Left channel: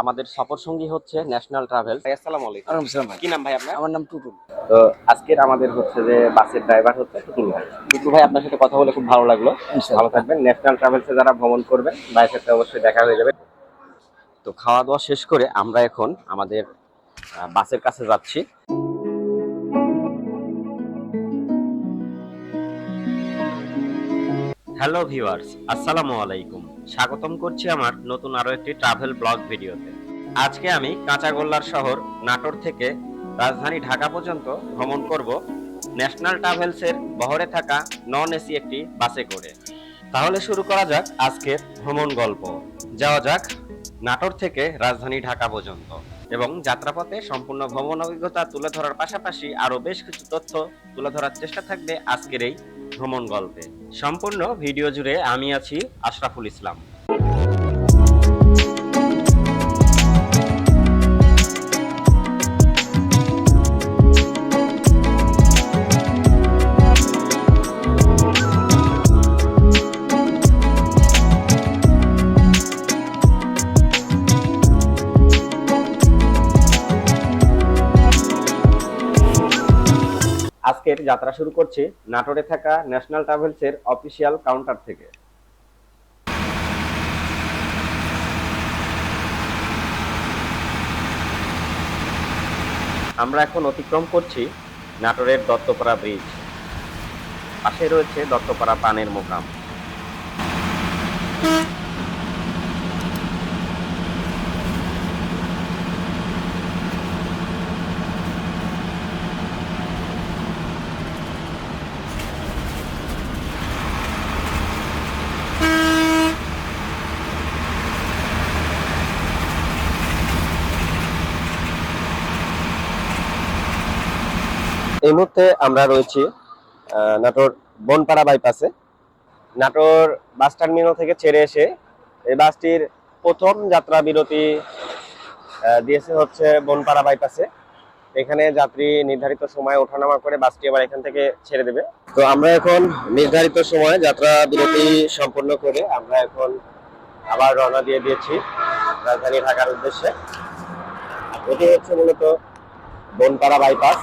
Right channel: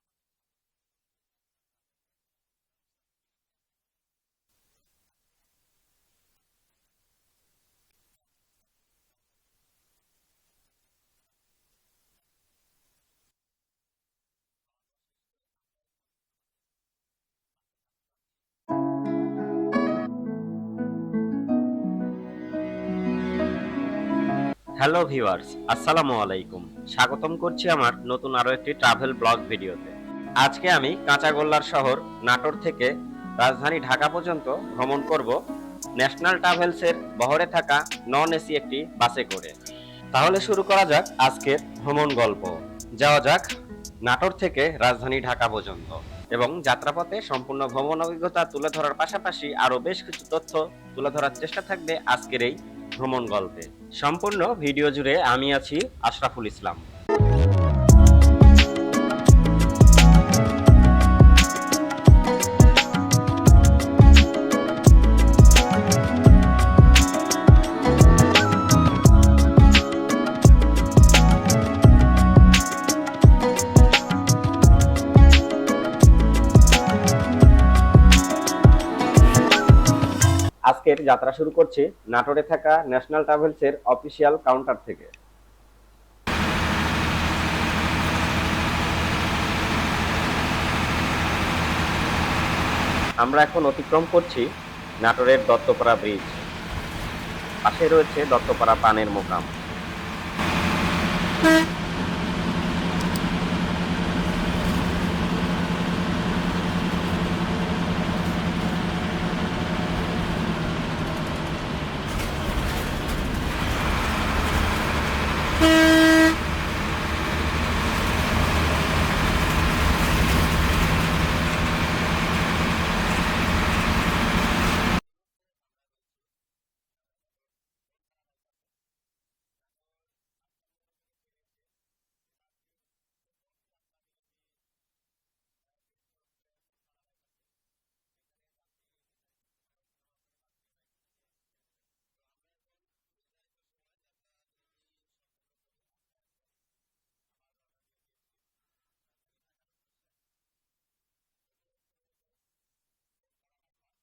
আমাদের সফর সঙ্গী হচ্ছে ন্যাশনাল ট্রাভেলস। আসসালামু আলাইকুম। ওয়ালাইকুম আসসালাম ভাই। কি নাম ভাই আপনার? আমার নাম টুটুল। তো আজকের আমাদের হচ্ছে যে বাসের ড্রাইভার হচ্ছে টুটুল ভাই। টুটুল ভাই, আপনার সাথে কথা বলে খুব ভালো লাগলো। ভালো ইনশাআল্লাহ। থাকবেন। ন্যাশনাল ট্রাভেলসে যারা ভ্রমণ করবেন ভাইয়ের সাথে অবশ্যই দেখা হয়ে যাবে। তো খাওয়া দাওয়া শেষ করে আমরা এখন আমাদের বাসের কাছে যাচ্ছি। হ্যালো ভিউয়ার্স, আসসালামু আলাইকুম। স্বাগতম করছি আমার নতুন আরো একটি ট্রাভেল ব্লগ ভিডিওতে। আজকে আমি কাঁচাগোল্লার শহর নাটোর থেকে রাজধানী ঢাকা পর্যন্ত ভ্রমণ করব ন্যাশনাল ট্রাভেলসের বহরে থাকা নন এসি একটি বাসে করে। তাহলে শুরু করা যাক আজকের ভ্রমণ গল্প। যাওয়া যাক নাটোর থেকে রাজধানী ঢাকা পর্যন্ত এবং যাত্রাপথে সম্পূর্ণ ভ্রমণ অভিজ্ঞতা তুলে ধরার পাশাপাশি আরো বেশ কিছু তথ্য তুলে ধরার চেষ্টা থাকবে আজকের এই ভ্রমণ গল্পে। সম্পূর্ণ ভিডিও জুড়ে আমি আছি আশরাফুল ইসলাম। আজকের যাত্রা শুরু করছি নাটোরে থাকা ন্যাশনাল ট্রাভেলসের অফিসিয়াল কাউন্টার থেকে। আমরা এখন অতিক্রম করছি নাটোরের দত্তপাড়া ব্রিজ। পাশে রয়েছে দত্তপাড়া পানের মোকাম। এই মুহূর্তে আমরা রয়েছি নাটোর বনপাড়া বাইপাসে। নাটোর বাস টার্মিনাল থেকে ছেড়ে এসে এই বাসটির প্রথম যাত্রা বিরতি দিয়েছে হচ্ছে বনপাড়া বাইপাসে। এখানে যাত্রী নির্ধারিত সময় ওঠানামা করে বাসটি আবার এখান থেকে ছেড়ে দেবে। তো আমরা এখন নির্ধারিত সময় যাত্রা বিরতি সম্পন্ন করে আমরা এখন আবার রওনা দিয়ে দিয়েছি রাজধানী ঢাকার উদ্দেশ্যে। এটি হচ্ছে মূলত বনপাড়া বাইপাস।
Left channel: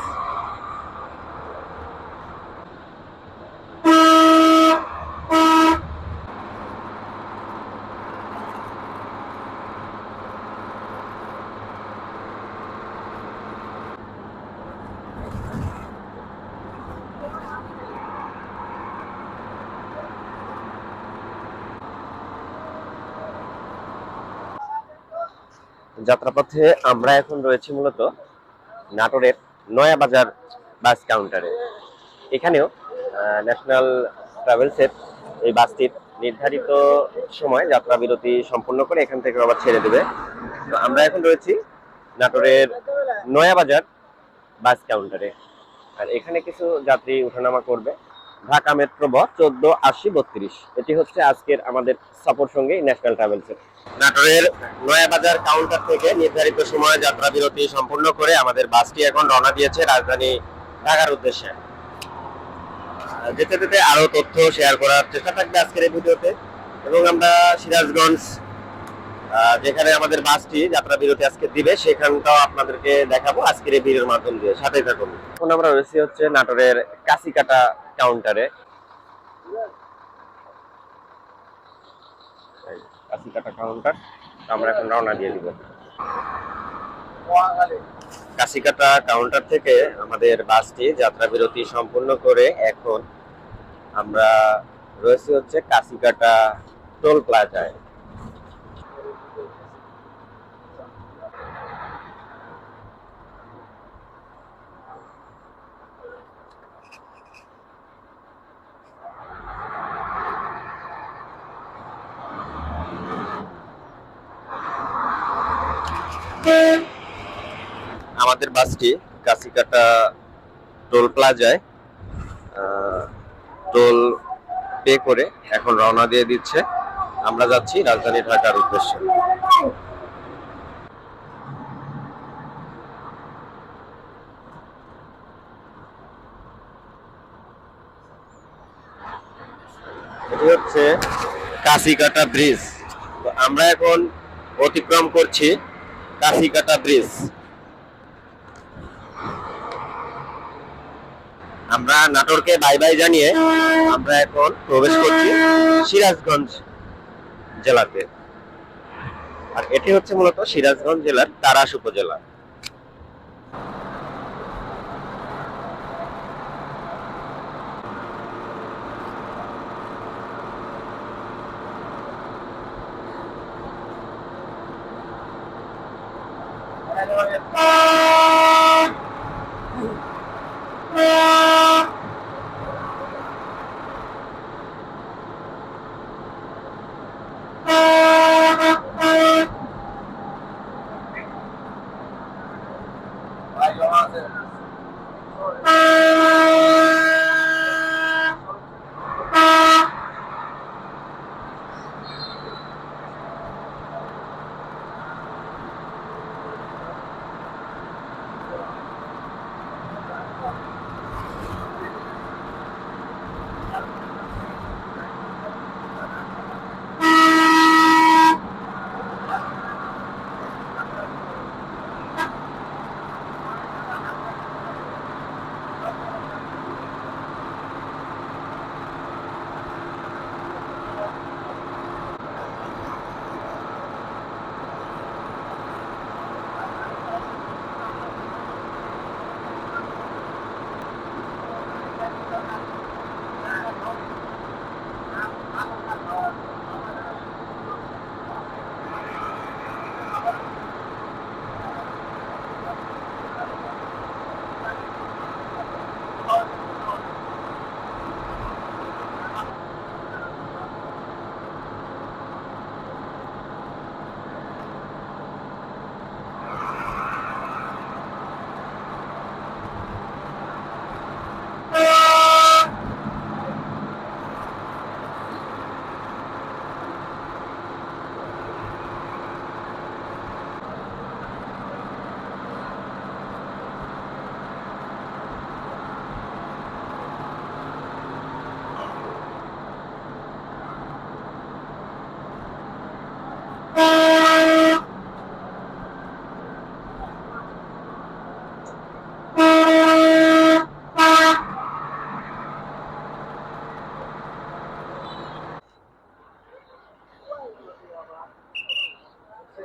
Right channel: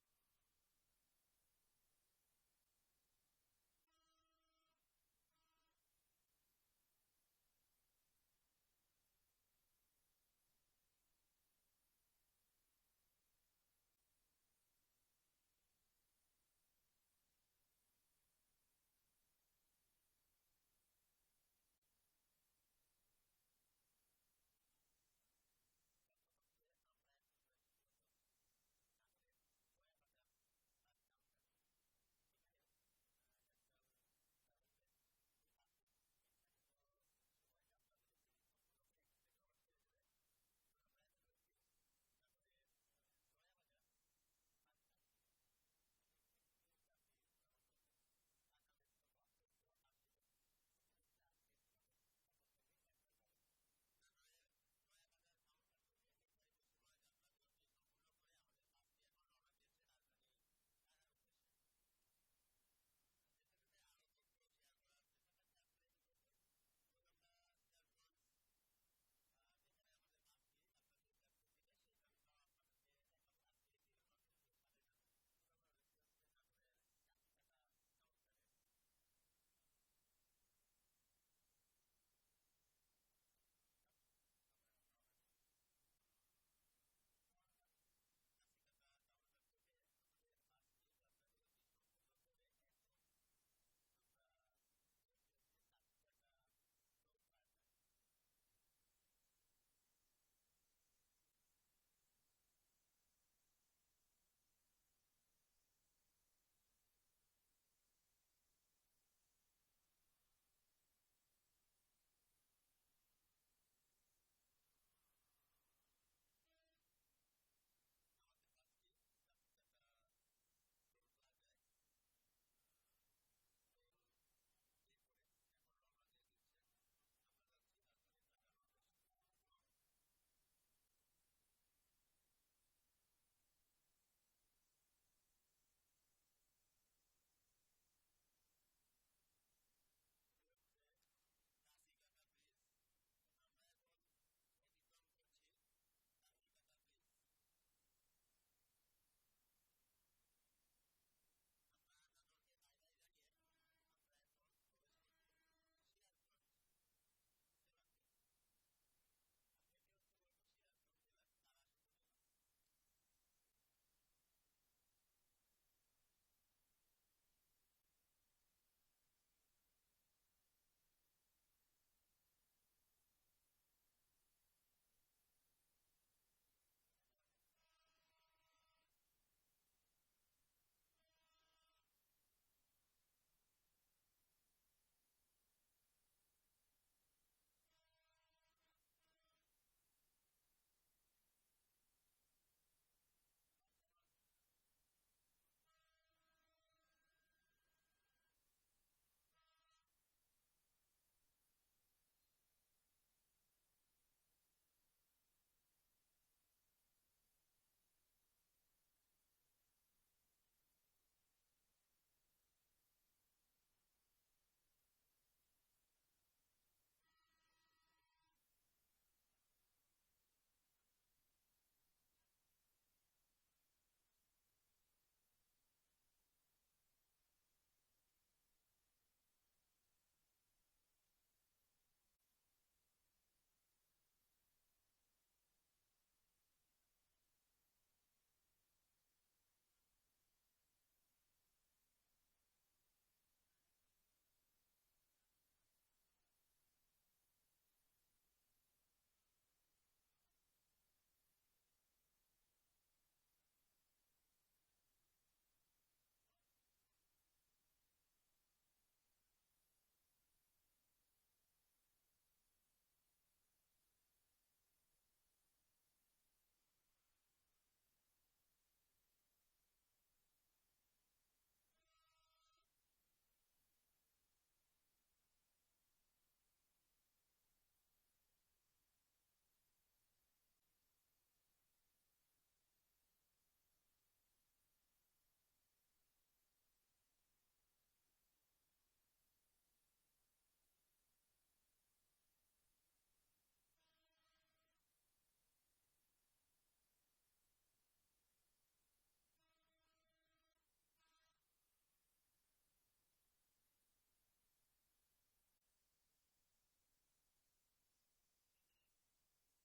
যাত্রাপথে আমরা এখন রয়েছি মূলত নাটোরের নয়াবাজার বাস কাউন্টারে। এখানেও ন্যাশনাল ট্রাভেলসের এই বাসটির নির্ধারিত সময় যাত্রা বিরতি সম্পূর্ণ করে এখান থেকে আবার ছেড়ে দেবে। তো আমরা এখন রয়েছি নাটোরের নয়াবাজার বাস কাউন্টারে। আর এখানে কিছু যাত্রী ওঠানামা করবে। ঢাকা মেট্রো ব 148032। এটি হচ্ছে আজকের আমাদের সফর সঙ্গী ন্যাশনাল ট্রাভেলসের। নাটোরের নয়াবাজার কাউন্টার থেকে নির্ধারিত সময় যাত্রা বিরতি সম্পূর্ণ করে আমাদের বাসটি এখন রওনা দিয়েছে রাজধানী ঢাকার উদ্দেশ্যে। যেতে যেতে আরো তথ্য শেয়ার করার চেষ্টা থাকবে আজকের এই ভিডিওতে। এবং আমরা সিরাজগঞ্জ যেখানে আমাদের বাসটি যাত্রা বিরতি আজকে দিবে সেখানটাও আপনাদেরকে দেখাবো আজকের এই ভিডিওর মাধ্যম দিয়ে। সাথেই থাকুন। এখন আমরা রয়েছি হচ্ছে নাটোরের কাশিকাটা কাউন্টারে। কাশিকাটা কাউন্টার, আমরা এখন রওনা দিয়ে দিব। কাশিকাটা কাউন্টার থেকে আমাদের বাসটি যাত্রা বিরতি সম্পূর্ণ করে এখন আমরা রয়েছি হচ্ছে কাশিকাটা টোল প্লাজায়। আমাদের বাসটি কাশিকাটা টোল প্লাজায় টোল পে করে এখন রওনা দিয়ে দিচ্ছে। আমরা যাচ্ছি রাজধানী ঢাকার উদ্দেশ্যে। এটি হচ্ছে কাশিকাটা ব্রিজ। তো আমরা এখন অতিক্রম করছি কাশিকাটা ব্রিজ। আমরা নাটোরকে বাই বাই জানিয়ে আমরা এখন প্রবেশ করছি সিরাজগঞ্জ জেলাতে। আর এটি হচ্ছে মূলত সিরাজগঞ্জ জেলার তাড়াশ উপজেলা।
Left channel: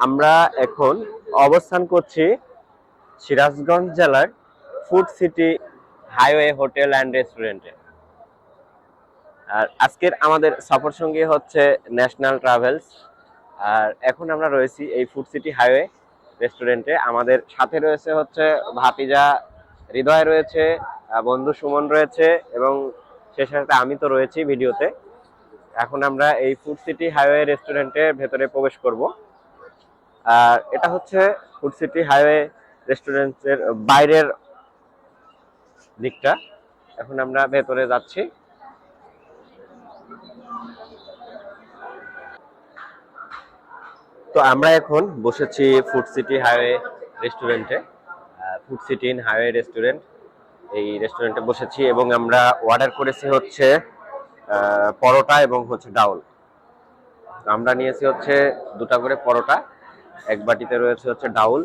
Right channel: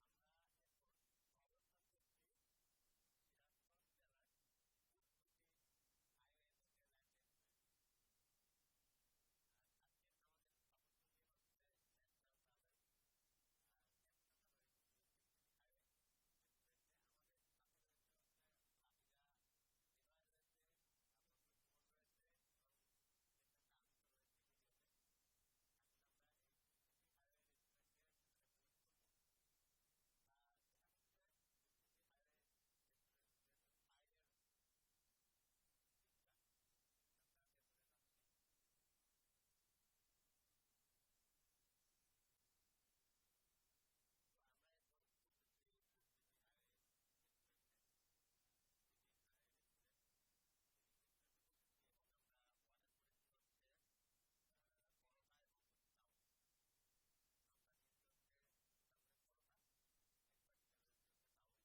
আমরা এখন অবস্থান করছি সিরাজগঞ্জ জেলার food city highway hotel and রেস্টুরেন্টে। আর আজকের আমাদের সফর সঙ্গী হচ্ছে ন্যাশনাল ট্রাভেলস। আর এখন আমরা রয়েছি এই ফুড সিটি হাইওয়ে রেস্টুরেন্টে। আমাদের সাথে রয়েছে হচ্ছে ভাতিজা হৃদয় রয়েছে, বন্ধু সুমন রয়েছে এবং সে সাথে আমি তো রয়েছি ভিডিওতে। এখন আমরা এই ফুড সিটি হাইওয়ে রেস্টুরেন্টের ভেতরে প্রবেশ করব। আর এটা হচ্ছে ফুড সিটি হাইওয়ে রেস্টুরেন্টের বাইরের দিকটা। এখন আমরা ভেতরে যাচ্ছি। তো আমরা এখন বসেছি ফুড সিটি হাইওয়ে রেস্টুরেন্টে। Food city in highway restaurant, এই রেস্টুরেন্টে বসেছি এবং আমরা অর্ডার করেছি হচ্ছে পরোটা এবং হচ্ছে ডাউল। আমরা নিয়েছি হচ্ছে 2টা করে পরোটা, এক বাটিতে রয়েছে হচ্ছে ডাউল,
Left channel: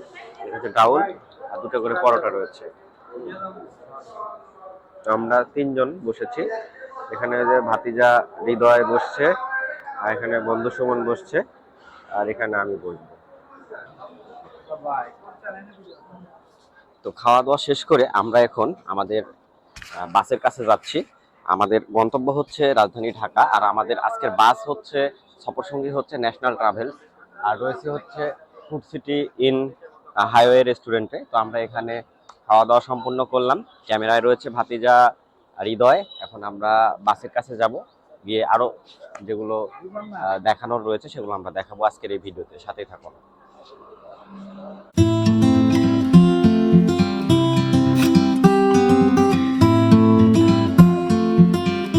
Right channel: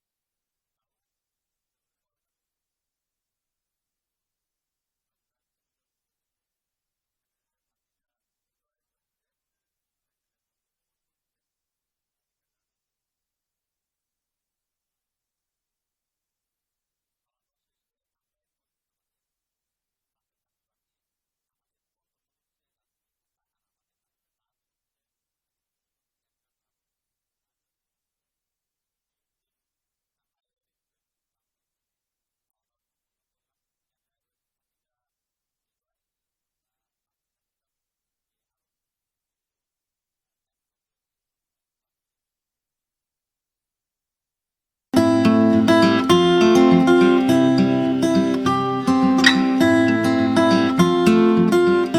ডাউল আর 2টা করে পরোটা রয়েছে। আমরা 3 জন বসেছি। এখানে যে ভাতিজা হৃদয় বসছে, আর এখানে বন্ধু সুমন বসছে, আর এখানে আমি বসবো। তো খাওয়া দাওয়া শেষ করে আমরা এখন আমাদের বাসের কাছে যাচ্ছি। আমাদের গন্তব্য হচ্ছে রাজধানী ঢাকা, আর আমাদের আজকের বাস হচ্ছে সফরসঙ্গী হচ্ছে ন্যাশনাল ট্রাভেলস, আর রয়েছে হচ্ছে ফুড সিটি ইন হাইওয়ে রেস্টুরেন্টে। তো আমরা এখানে খাওয়া দাওয়া সম্পূর্ণ করলাম। ক্যামেরায় রয়েছে ভাতিজা হৃদয়। এখন আমরা বাসের কাছে যাব, গিয়ে আরো যেগুলো দেখানোর রয়েছে সেগুলো আমরা দেখাবো আজকের এই ভিডিওতে। সাথেই থাকুন।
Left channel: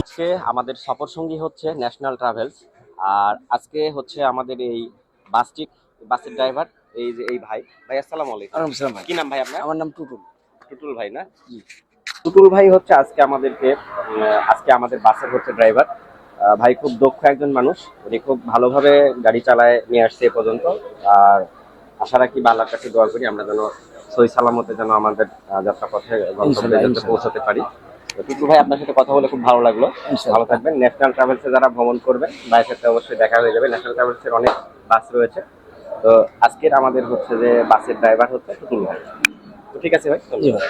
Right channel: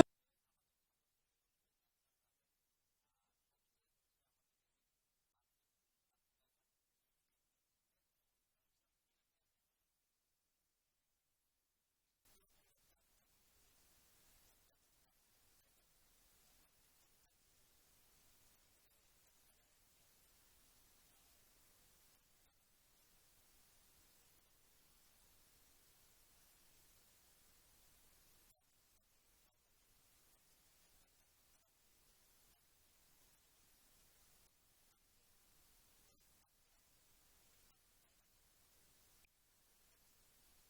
আজকে আমাদের সফর সঙ্গী হচ্ছে ন্যাশনাল ট্রাভেলস, আর আজকে হচ্ছে আমাদের এই বাসের ড্রাইভার এই যে এই ভাই। আসসালামু আলাইকুম। ওয়ালাইকুম আসসালাম ভাই। কি নাম ভাই আপনার? আমার নাম টুটুল। টুটুল ভাই না? জি। টুটুল ভাই হচ্ছে আজকে আমাদের বাসের হচ্ছে ড্রাইভার। ভাই খুব দক্ষ একজন মানুষ, উনি খুব ভালোভাবে গাড়ি চালায় নিয়ে আসছে এ পর্যন্ত। আর আশা রাখি বা আল্লাহর কাছে দোয়া করি আমরা যেন সহি সালামতে যেন আমাদের যাত্রাপথে গন্তব্যে যাতে পৌঁছাতে পারি। তো টিটু ভাই, আপনার সাথে কথা বলে খুব ভালো লাগলো। ভালো থাকবেন। ন্যাশনাল ট্রাভেলসে যারা ভ্রমণ করবেন ভাইয়ের সাথে অবশ্যই দেখা হয়ে যাবে। ন্যাশনাল ট্রাভেলসের অনেক বাস রয়েছে। তো আজকের আমাদের হচ্ছে যে বাসের ড্রাইভার হচ্ছে টুটুল ভাই। তো ঠিক আছে ভাই, ধন্যবাদ।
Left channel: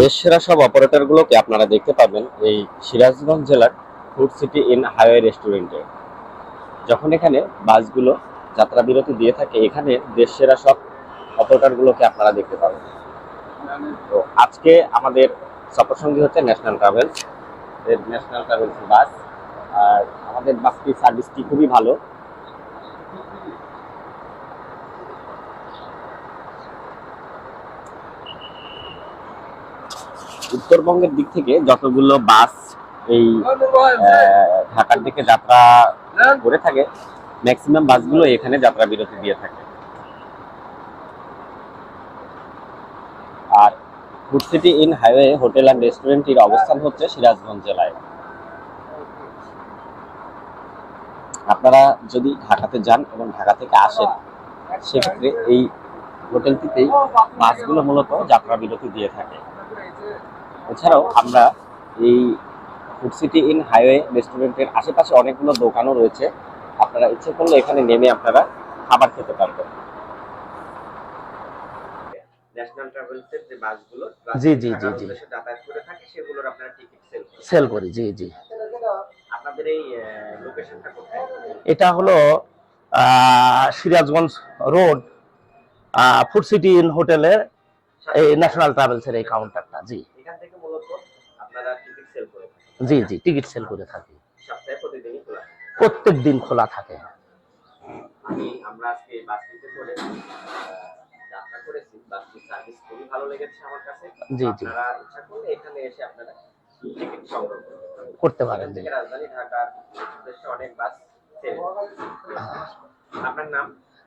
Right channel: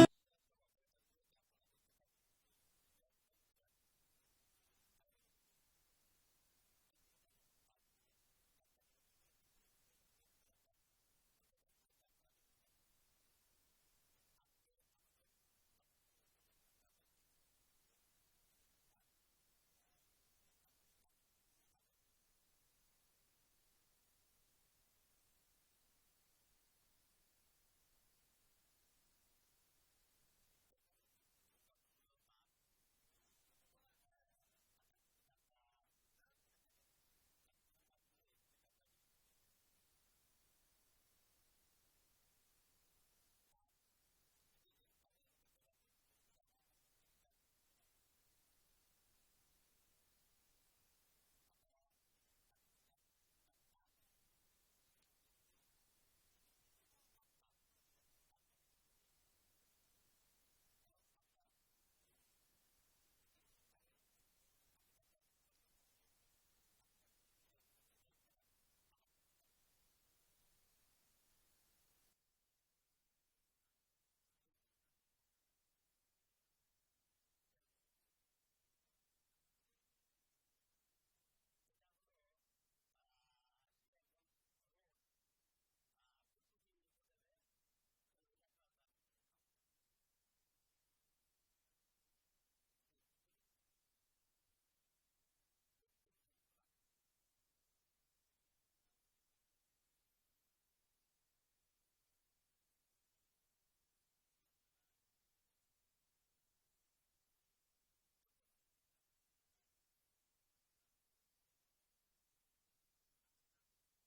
দেশ সেরা সব অপারেটর গুলোকে আপনারা দেখতে পাবেন এই সিরাজগঞ্জ জেলার ফুড সিটি ইন হাইওয়ে রেস্টুরেন্টে। যখন এখানে বাসগুলো যাত্রা বিরতি দিয়ে থাকে, এখানে দেশ সেরা সব অপারেটর গুলোকে আপনারা দেখতে পাবেন। তো আজকে আমাদের সফরসঙ্গী হচ্ছে ন্যাশনাল ট্রাভেলস এর বাস। আর আমাদের বাসটির সার্ভিসটি খুবই ভালো। উত্তরবঙ্গের দিক থেকে যতগুলো বাস এই ঢাকার দিকে যাত্রা করে থাকে, ম্যাক্সিমাম বাসগুলো এখানে যাত্রা বিরতি দিয়ে থাকে। আর food city in highway hotel and রেস্টুরেন্টটির অবস্থান হচ্ছে সিরাজগঞ্জ জেলায়। আপনারা যদি ঢাকাতে যান এবং ঢাকা থেকে আসেন, সেক্ষেত্রে এই হোটেলটিতেই বাসগুলো মূলত যাত্রা বিরতি দিয়ে থাকে। এছাড়াও আমরা এই ফুড সিটি ইন হাইওয়ে রেস্টুরেন্টের আশেপাশে অনেকগুলো দোকানও রয়েছে। আপনারা ইচ্ছে করলে এখানে নেমে আপনারা খাবার খেতে পারবেন। ন্যাশনাল ট্রাভেলসের যে বাসগুলো জি জি জি জি যাতায়াত করে থাকে, সেগুলোর আপনারা টিকিট সেল করি। জি জি। আপনাদের এই লোকেশনটা কোথায়? এটা হলো Sirajganj road food city in হোটেলের এই ন্যাশনাল ট্রাভেলসের এই কাউন্টারটা। জি, এখান থেকে মূলত আপনারা টিকিট সেল করে থাকেন? জি জি, টিকিট সেল করে থাকি। সপ্তাহে প্রতিদিনই খোলা? প্রত্যেক দিন খোলা থাকে। আমরা আজকে বাসটিতে করে যাত্রা করেছি, বাসটির সার্ভিস খুবই ভালো লেগেছে আমার কাছে। জি জি, আপনারা ইচ্ছা করলে এখানে এসে আপনারা টিকিট সংগ্রহ করতে পারেন। রাজধানী ঢাকার উদ্দেশ্যে অনেক বাস সেল। আপনার নাম?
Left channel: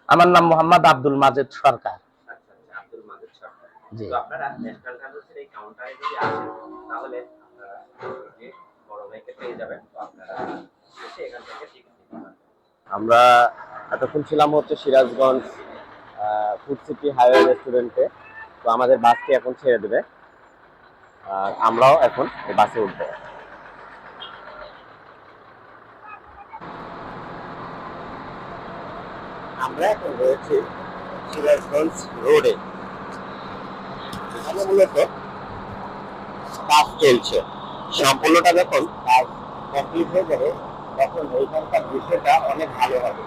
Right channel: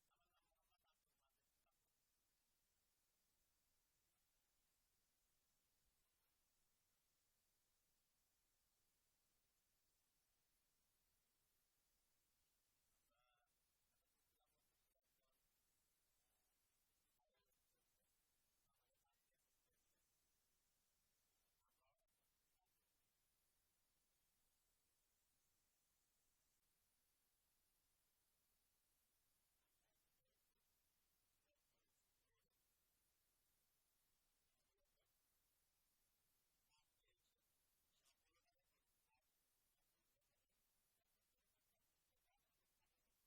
আমার নাম মোহাম্মদ আব্দুল মাজেদ সরকার। আচ্ছা আচ্ছা, আব্দুল মাজেদ সরকার। জি। তো আপনারা ন্যাশনাল ট্রাভেলসের এই কাউন্টারে যদি আসেন, তাহলে আপনারা যে বড় ভাইকে পেয়ে যাবেন। তো আপনারা এসে এখান থেকে টিকিট নিতে পারবেন। আমরা এতক্ষণ ছিলাম হচ্ছে সিরাজগঞ্জ ফুড সিটি হাইওয়ে রেস্টুরেন্টে। তো আমাদের বাসটি এখন ছেড়ে দেবে, আর আমরাও এখন বাসে উঠবো। আমরা এখন রয়েছি সিরাজগঞ্জ রোডে। এখানে মূলত কাজ চলছে। সম্পূর্ণটা যখন কাজ কমপ্লিট হয়ে যাবে, তখন ওইখানকার দৃশ্যটা অনেক ভালো হবে।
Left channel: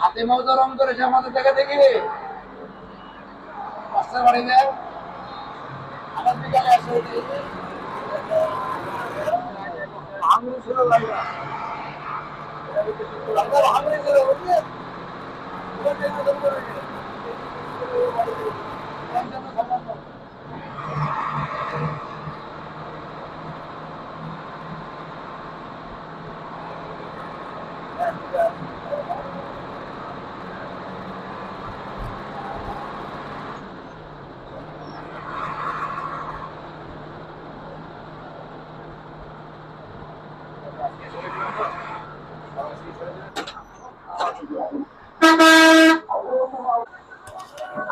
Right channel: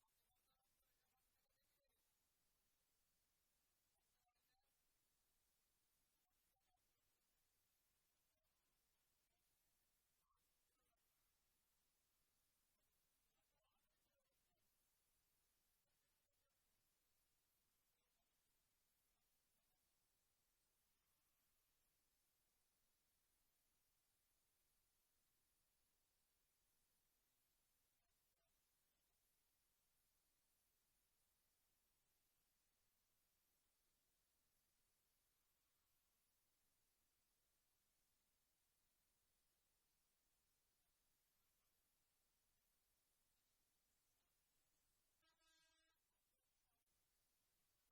হাতে মজা রং করেছে আমাদের জায়গা থেকে পাঁচটা বাড়ি দেয় আমার বিকালে আসে ভাঙড়ি ছিল লাগা ভাঙড়ি ছিল বুঝলেন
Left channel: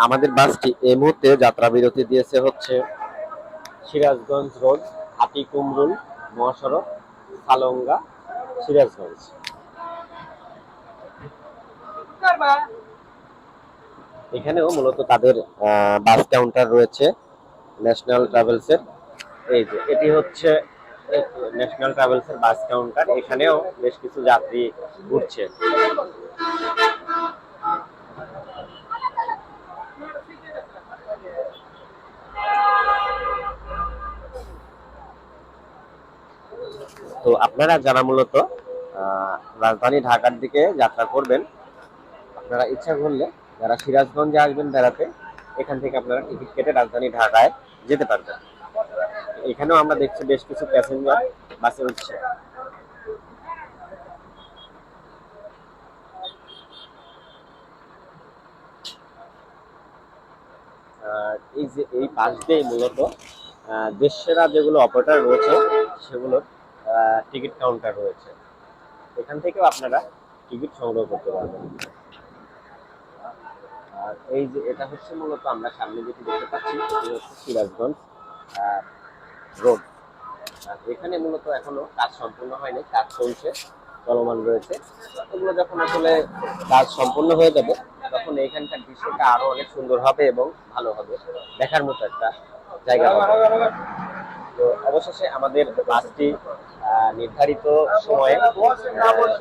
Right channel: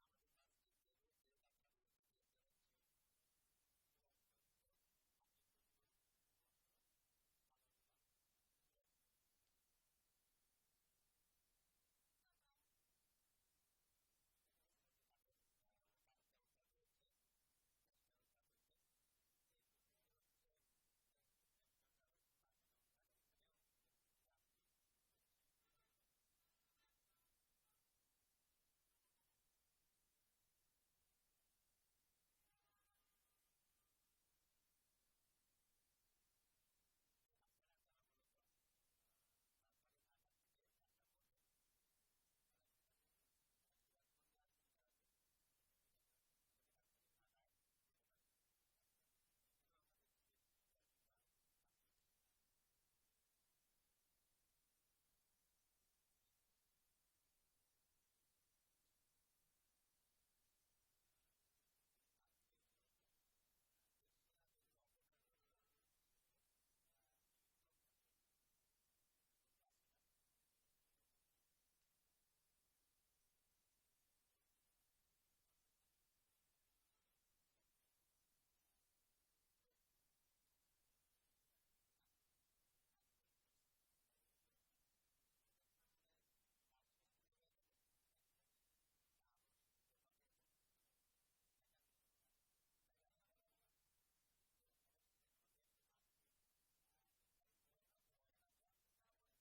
আমাদের বাসটি এই মুহূর্তে যাত্রা বিরতি দিয়েছে হচ্ছে সিরাজগঞ্জ রোড, হাতি কুমরুল মহাসড়ক, সালঙ্গা, সিরাজগঞ্জ। এখানেও মূলত তাদের বাস কাউন্টার রয়েছে ন্যাশনাল ট্রাভেলসের। এই যে এটি হচ্ছে ন্যাশনাল ট্রাভেলসের বাস কাউন্টার, এখানেও বেশ কিছু যাত্রী ঘুরছে। তো আপনারা যারা মূলত রাজধানী ঢাকার দিকে যাত্রা করবেন, আপনারা ইচ্ছা করলে যারা সিরাজগঞ্জে আসবেন বেড়াতে, এখান থেকে আপনারা টিকিট কেটে রাজধানী ঢাকায় যেতে পারবেন। এখানেও আমরা দেখছি বেশ কিছু প্যাসেঞ্জার বাসে উঠছে। এই যে এই পাশ দিয়ে মূলত দেশসেরা যেগুলো অপারেটর রয়েছে সেগুলোর টিকিট কাউন্টার রয়েছে, এখান থেকেও আপনারা টিকিট সংগ্রহ করতে পারবেন। আর এই যে এটা হচ্ছে মূলত আমরা সামনে যেটি দেখতে পাচ্ছি এটি হচ্ছে সিরাজগঞ্জ রোড। এখানে মূলত এখনো কাজ সম্পূর্ণ হয়নি, কাজ চলছে, চলমান রয়েছে। এগুলো যখন আসলে কাজ সম্পূর্ণ হয়ে যাবে তখন এইখানকার দৃশ্যটা আরো অনেক সুন্দর হবে এবং ভালো হবে, দেখার মতো একটা জায়গা হবে। তো অবশেষে আমাদের বাসটি নির্ধারিত সময়ে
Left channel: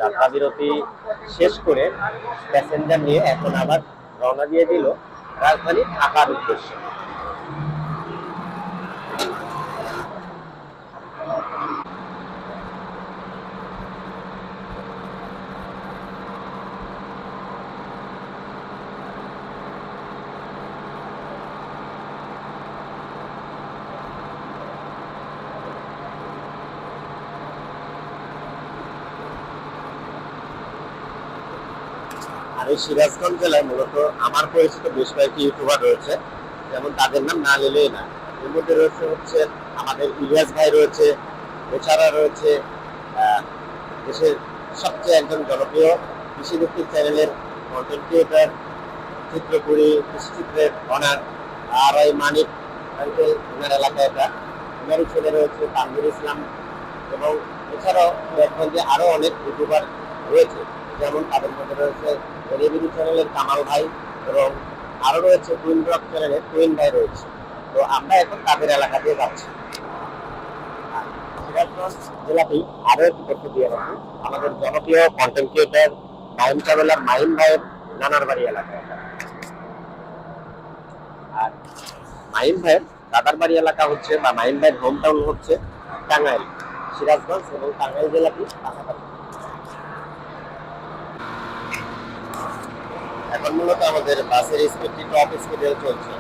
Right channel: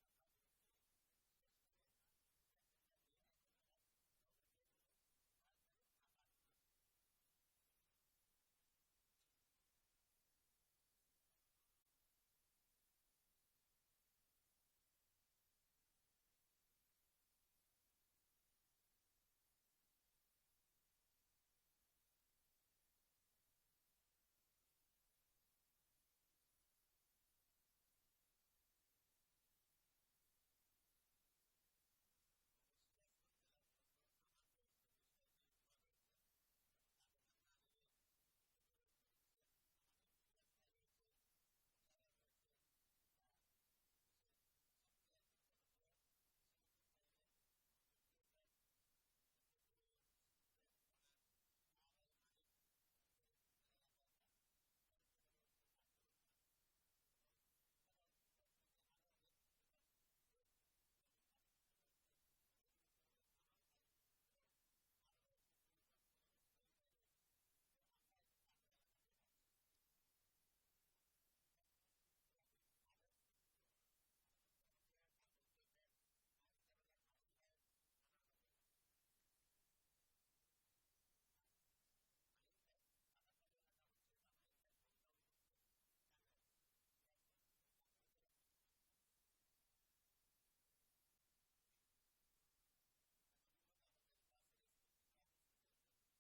যাত্রা বিরতি শেষ করে প্যাসেঞ্জার নিয়ে এখন আবার রওনা দিয়ে দিল রাজধানী ঢাকার উদ্দেশ্যে। আর এই সিরাজগঞ্জ জেলায় মূলত আমার পরিচিত বেশ কয়েকটি ইউটিউবার রয়েছে, যেমন তাদের নাম না নিলেই না। এর মধ্যে রয়েছে হচ্ছে আমাদের ইলিয়াস ভাই রয়েছে, এছাড়া রয়েছে দেশের সবচেয়ে একজন জনপ্রিয় কৃষিভিত্তিক চ্যানেলের কন্টেন্ট ক্রিয়েটার চিত্রপুরী কৃষিচিত্রের অনার আর এই মানিক আঙ্কেল, ওনার এলাকায় এটা, ওনারই ছেলে রয়েছে তানভীর ইসলাম, এবং এছাড়াও দেখবেন যে আরো অনেক ইউটিউবার রয়েছে, যেমন তাদের মধ্যে রয়েছে রেভিনিউ চ্যানেলের কামাল ভাই, এবং আরো রয়েছে টুইন ব্লগ চ্যানেলের টুইন ভাই রয়েছে। তো আমরা এখন তাদের এলাকা দিয়ে যাচ্ছি। সিরাজগঞ্জ জেলাতেই আরো একটি তথ্য দিয়ে রাখি, আমাদের জনপ্রিয় content creator Mahim traveller Mahim ভাইয়ের নানার বাড়ি এলাকা। আর মাহিম ভাইয়ের দাদার বাড়ি এলাকা হচ্ছে বা মাহিম ভাইয়ের হোম টাউন হচ্ছে টাঙ্গাইল। সিরাজগঞ্জ এবং টাঙ্গাইল জেলাটি পাশাপাশি। এখন মূলত আমাদের বাসের স্পিডটি টপ স্পিডে চলছে।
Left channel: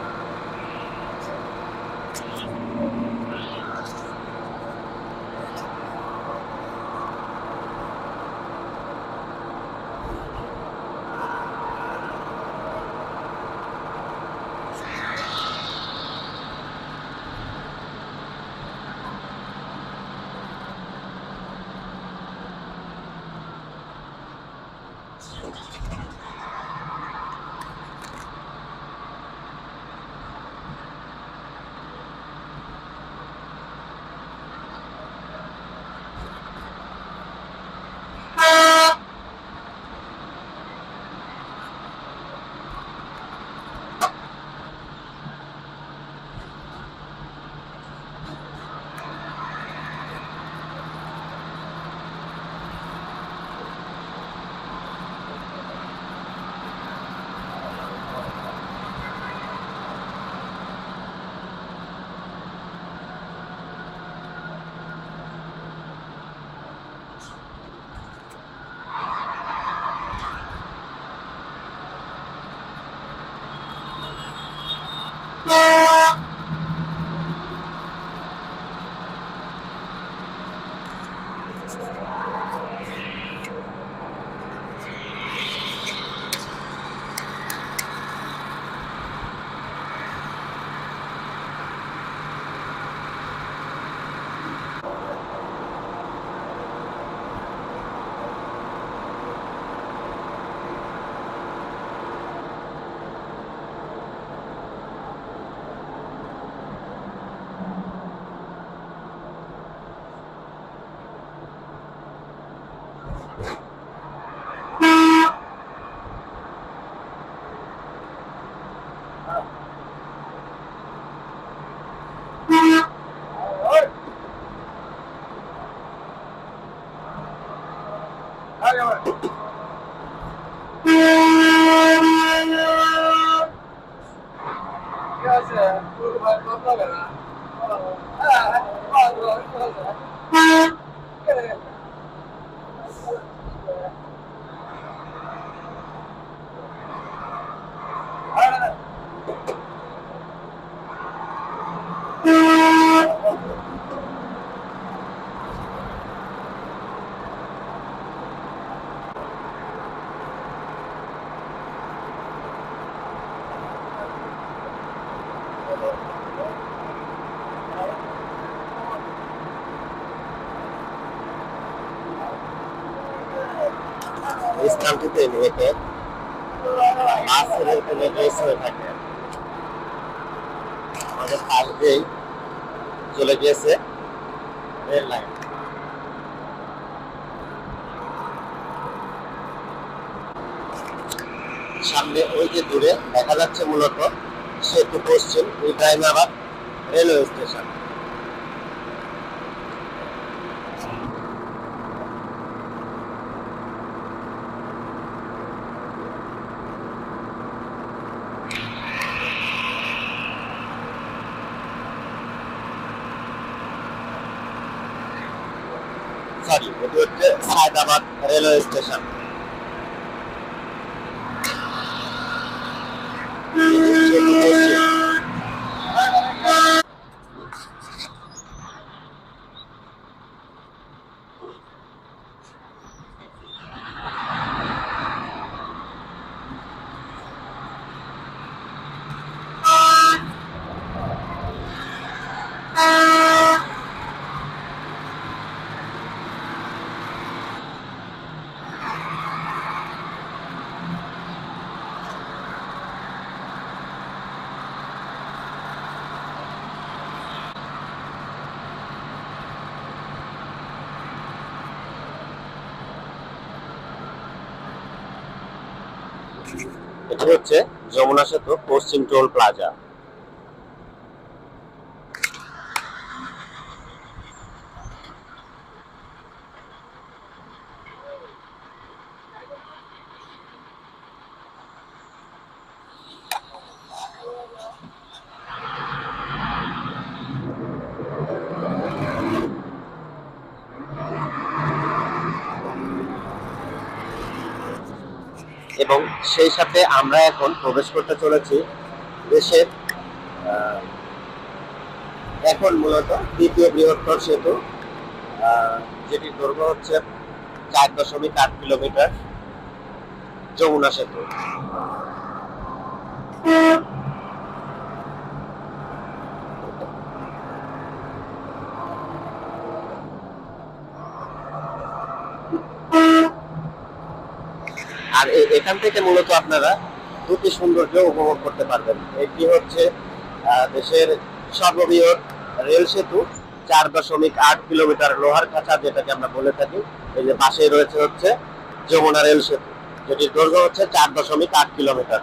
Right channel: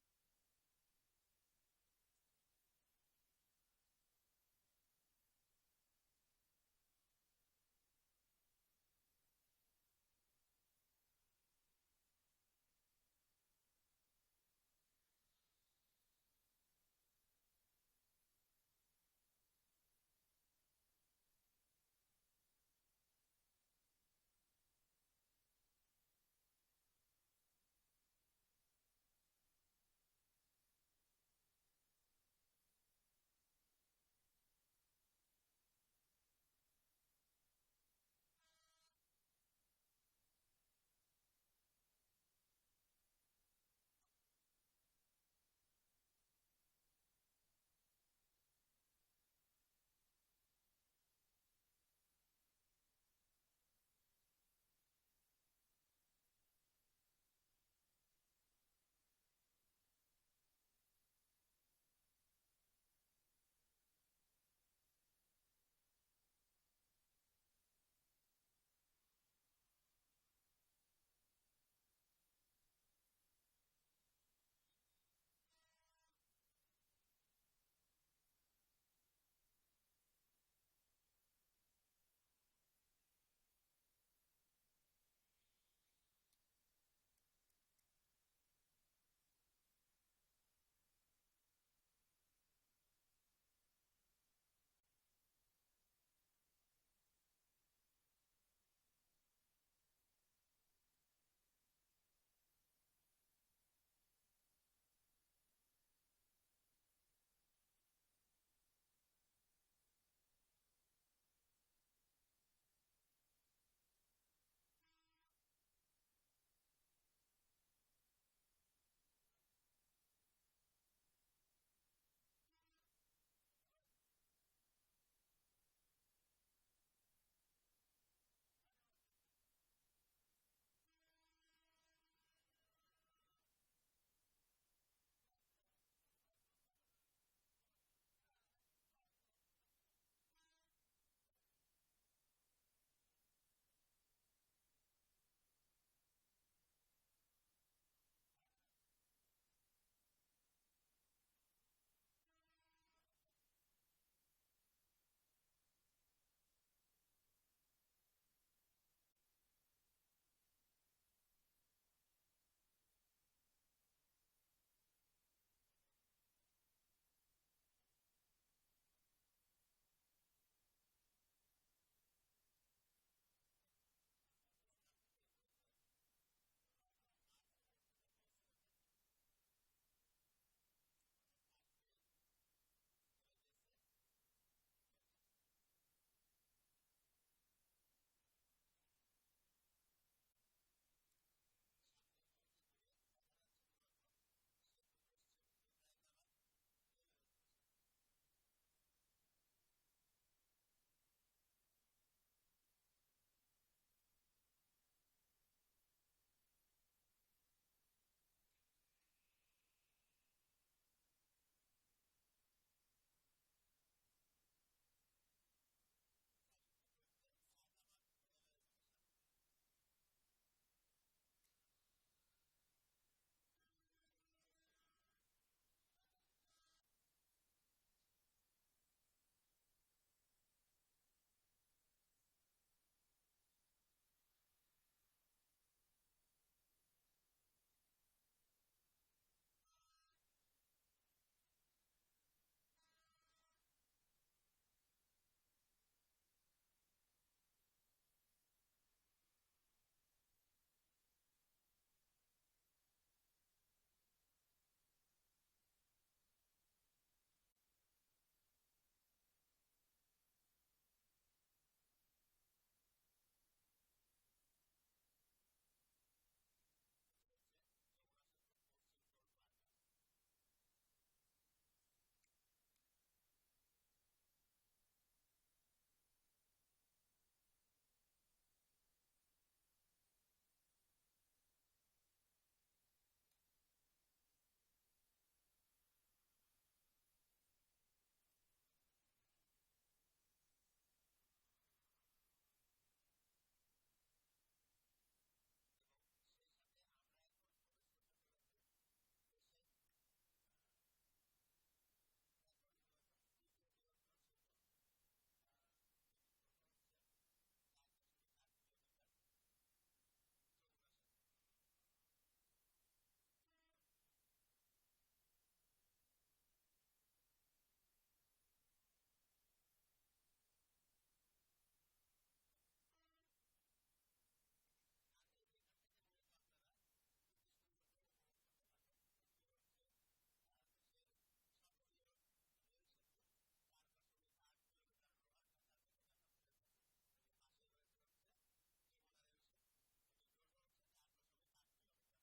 এই স্থানটিতে মূলত বাস রেস হয়ে থাকে। আমাদের পাশ দিয়েই চলে গিয়েছে রেল লাইন। সামনে ওই যে দূরে দেখা যাচ্ছে মূলত সেতু পশ্চিম ইব্রাহিমাবাদ রেলওয়ে স্টেশন। সরি, এটি হচ্ছে সায়দাবাদ রেলওয়ে স্টেশন। এটি হচ্ছে যমুনা সেতু পশ্চিম টোল প্লাজা। এবং সেই সাথে আমরা এখন প্রবেশ করতে চলেছি দেশের এখন মূলত দ্বিতীয় বৃহত্তর সেতু, যেটির দৈর্ঘ্য হচ্ছে 4.8 কিলোমিটার, যমুনা সেতু। আর এখান থেকে মূলত আপনারা দুটি সৌন্দর্য উপভোগ করতে পারবেন। একটি হচ্ছে দেশের সর্ববৃহৎ রেল সেতু, 4.8 কিলোমিটার লোহার খাঁচা যেটাকে আমরা বলে থাকি। এই যে পাশেই রয়েছে হচ্ছে যমুনা রেল সেতু, যেটির দৈর্ঘ্য হচ্ছে 4.8 কিলোমিটার,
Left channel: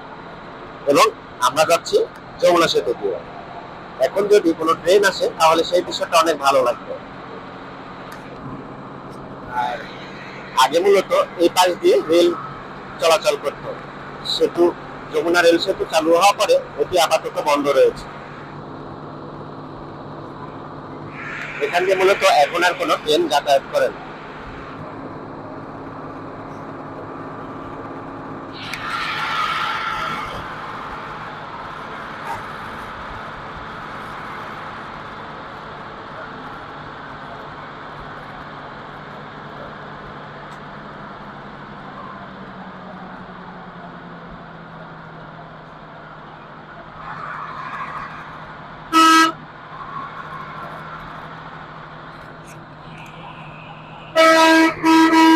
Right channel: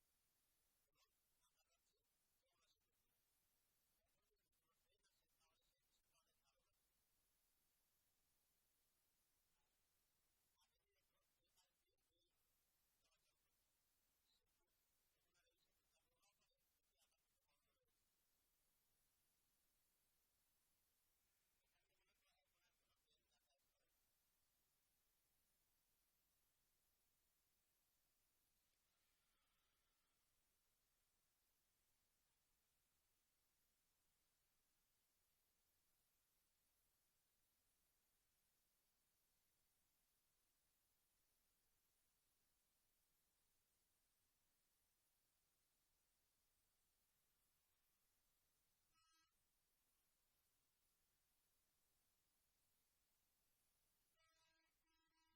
এবং আমরা যাচ্ছি যমুনা সেতু দিয়ে। এখন যদি কোনো ট্রেন আসে তাহলে সেই বিষয়টা অনেক ভালো লাগবে। আর আগে মূলত এই পাশ দিয়ে রেল চলাচল করত। সেতু যমুনা রেল সেতু চালু হওয়ার পরে এটি আপাতত বন্ধ রয়েছে। এখান দিয়ে মূলত এখন আর কোনো ট্রেন যাতায়াত করে না।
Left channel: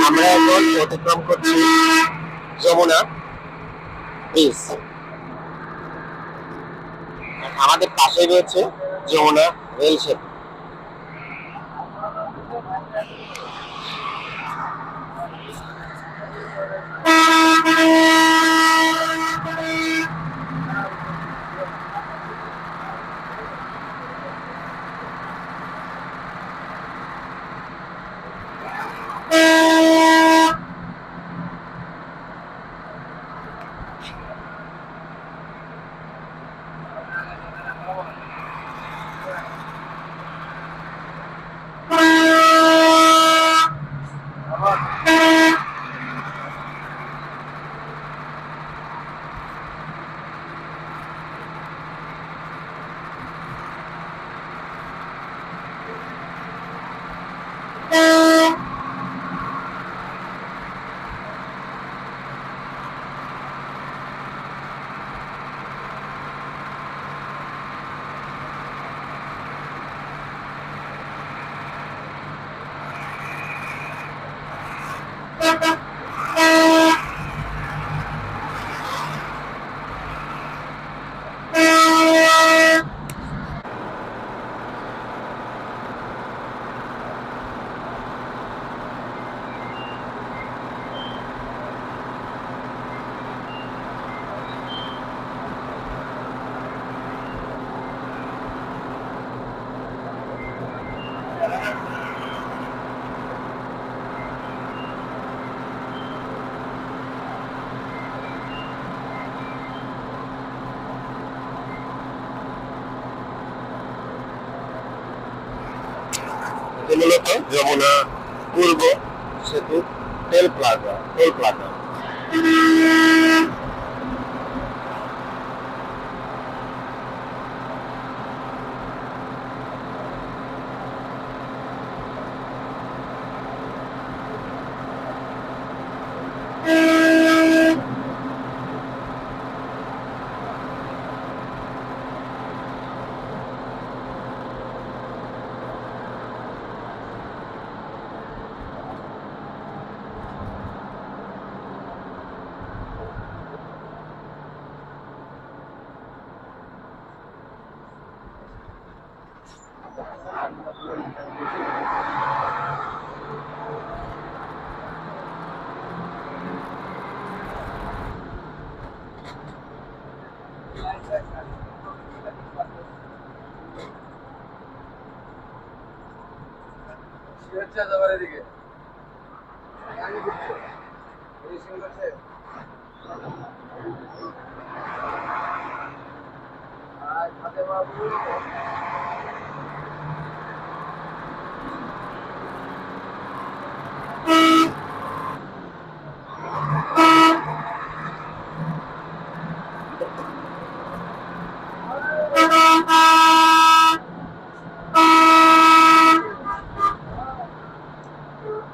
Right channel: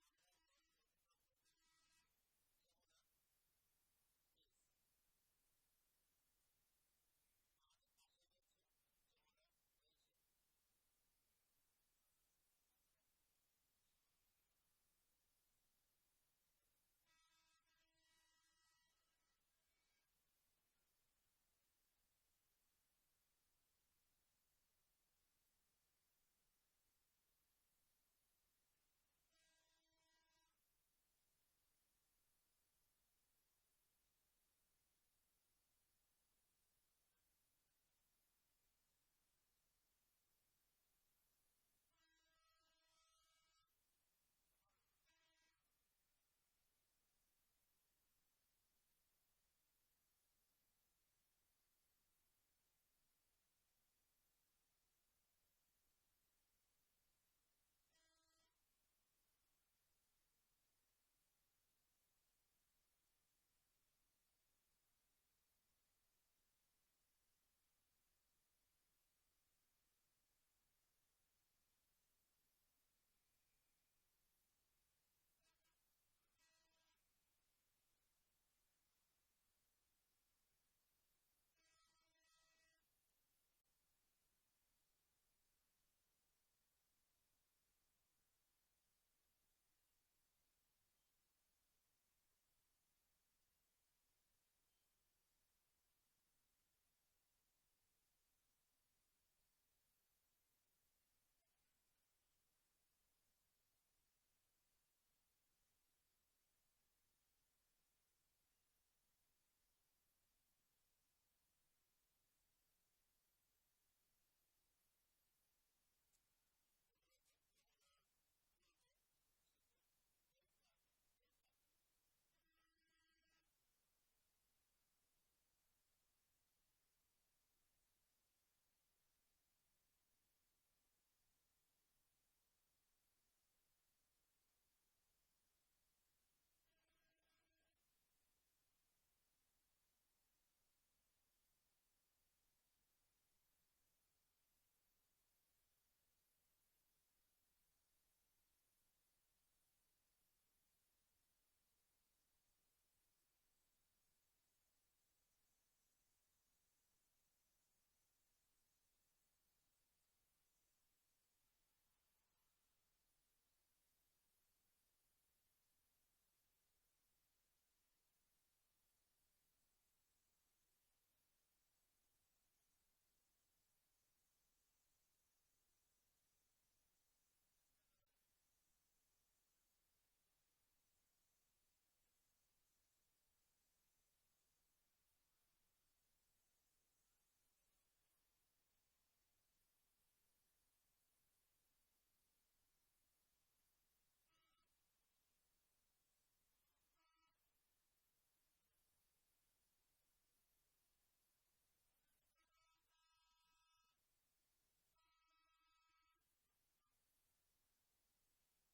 আমরা এখন অতিক্রম করছি যমুনা ব্রিজ। আমাদের পাশে রয়েছে যমুনা রেল সেতু। মূলত যমুনা পূর্ব সেতু টোল প্লাজা।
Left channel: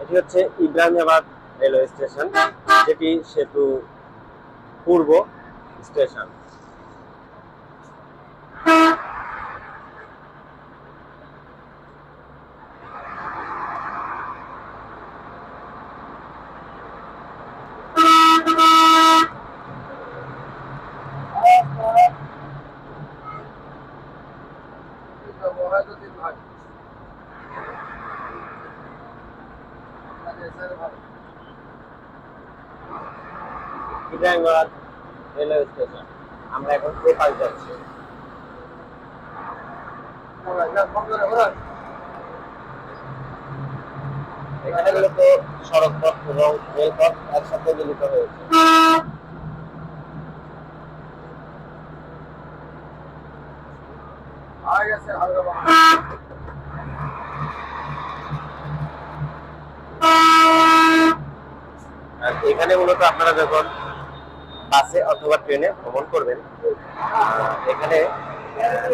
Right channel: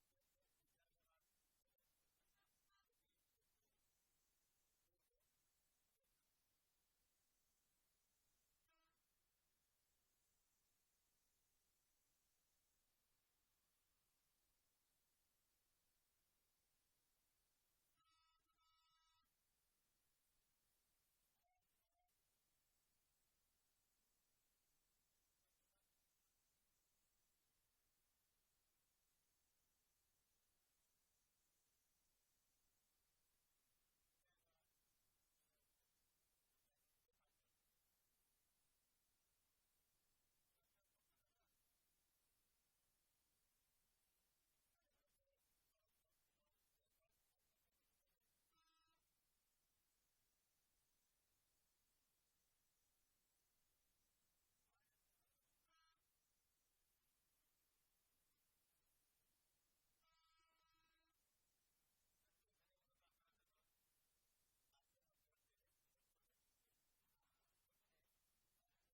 এটি হচ্ছে ইব্রাহিমাবাদ রেলওয়ে স্টেশন, যেটি সেতু পূর্ব স্টেশন। Ibrahimabad railway station. আমরা এখন এ পাশ যাচ্ছি। এখানে মূলত সড়ক পথ এবং রেলপথ একসাথে মিলিত হয়েছে। আর এখানে মূলত আপনারা যখন বাসে অথবা ট্রেনে ভ্রমণ করবেন, এখানে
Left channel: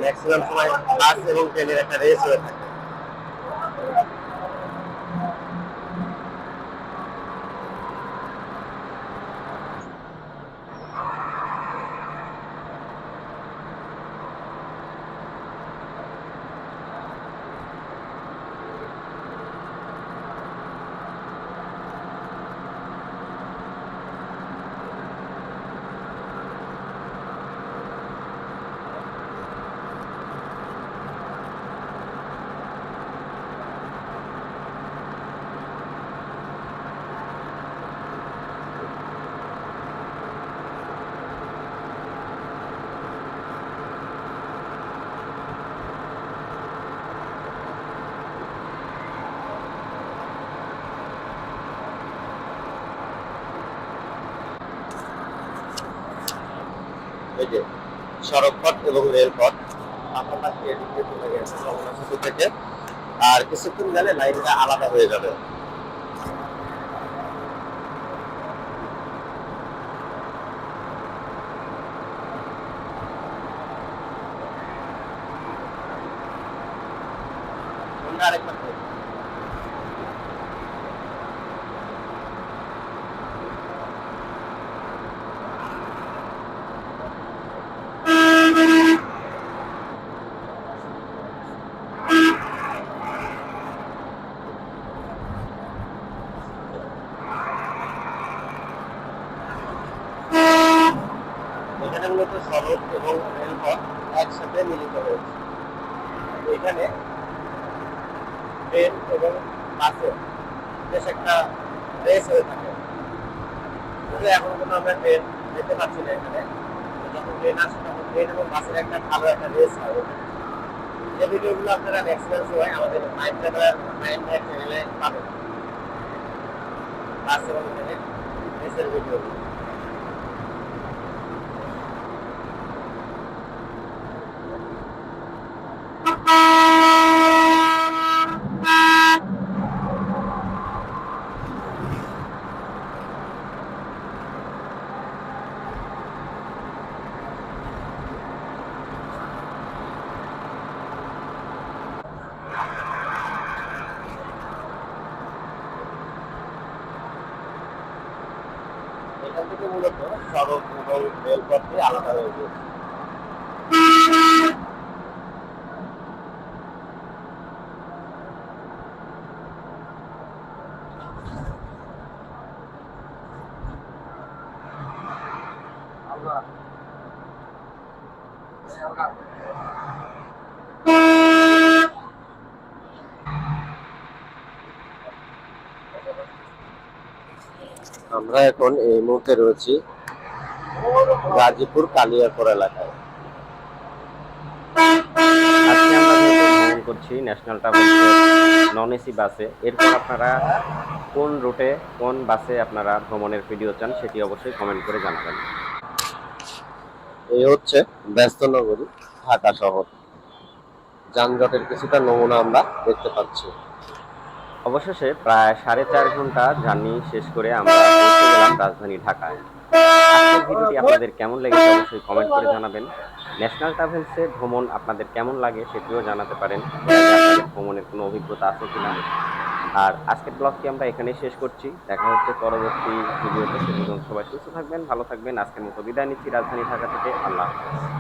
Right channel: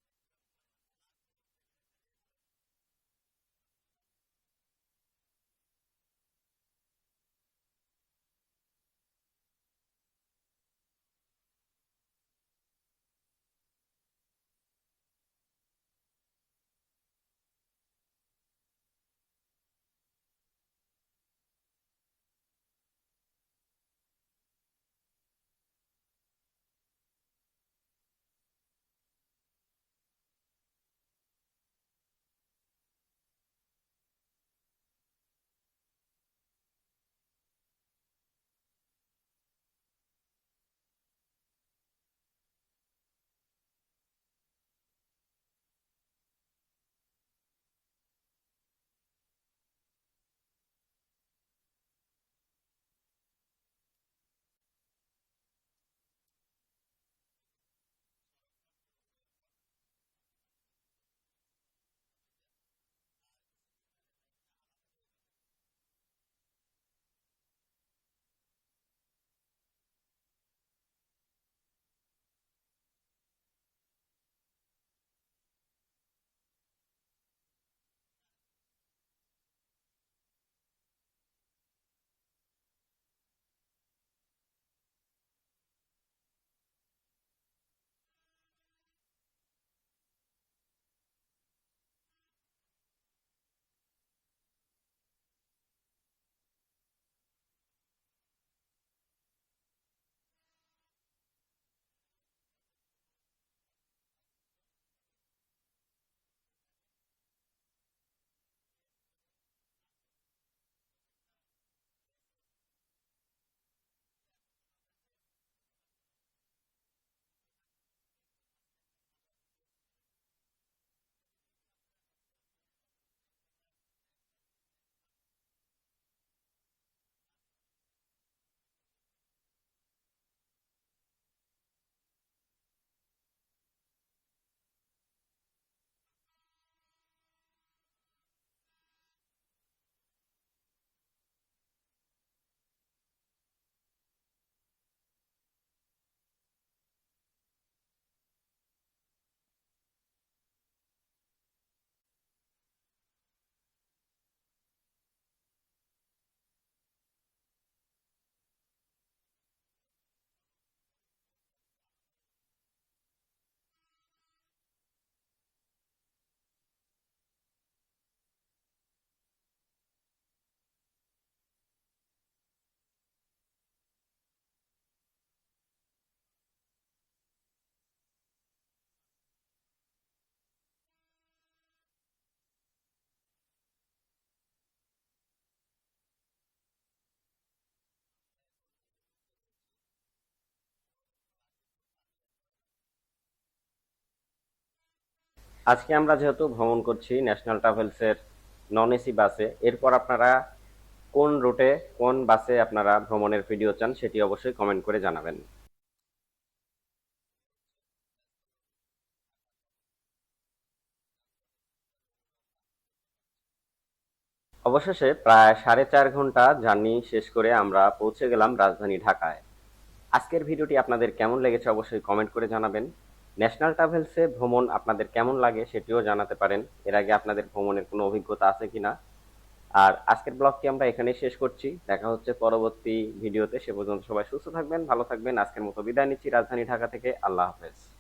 ম্যাক্সিমাম সময় বাস এবং ট্রেনের একটা রেস হয়ে থাকে। এই যে সড়ক পথ এবং রেলপথ আপনার পাশে এদিকে চলে গেছে যমুনা সেতু থেকে, আর কিছুক্ষণ গেলে লাইনটা আলাদা হয়ে যাবে। আরেকবার এখানে মূলত সড়ক এবং রেলপথ একসাথে মিলিত হয়েছে। এখানে ট্রেন এবং বাসে বেশ একটা রেস হয়ে থাকে। কিন্তু এখন কোনো আমরা ট্রেন দেখতে পাচ্ছি না এখানে। যখন ট্রেন আসে তখন ট্রেন এবং বাসের একটা ভালো একটা রেস হয়। যে ভিডিওগুলো আপনারা ম্যাক্সিমাম সময় আমাদের মাইন্ড চ্যানেলে পাবেন, বাস এবং ট্রেনের রেসের ভিডিওগুলো। এখান থেকে মূলত সড়ক এবং রেলপথটি আলাদা হয়ে গিয়েছে। আমরা এখন এই মুহূর্তে রয়েছি গাজীপুর কালিয়াকৈর এলাকায়। আজকে আমরা যেহেতু ভ্রমণ করছি ন্যাশনাল ট্রাভেলসের নন এসি বাসে, এরপর আপনারা কোন রুটে কোন বাসে আপনারা ভ্রমণের ভিডিও চান সেটি অবশ্যই কমেন্ট করে জানাবেন। এই হচ্ছে ব্যস্ত নগরী ঢাকা শহর, যানজটের কিছুটা নমুনা আমরা দেখতে পাচ্ছি। অবশেষে প্রায় 4.5 ঘন্টা জার্নি শেষ করে আমরা পৌঁছে গেলাম রাজধানী ঢাকায়। আজকের ভিডিওটি আপনাদের কেমন লেগেছে অবশ্যই কমেন্ট করে জানাবেন। ন্যাশনাল ট্রাভেলসে ভ্রমণ আপনাদের কেমন লাগে সেটিও জানাতে পারেন, এর আগে আপনাদের ভ্রমণের কোনো অভিজ্ঞতা আছে কিনা। আর আজকের ব্লগটি আমরা এখানেই শেষ করছি, দেখা হচ্ছে পরবর্তী ভিডিওতে। সে পর্যন্ত সবাই সুস্থ থাকবেন, ভালো থাকবেন। আজকের মতো বিদায় নিচ্ছি রাজধানী ঢাকা থেকে। আল্লাহ হাফেজ।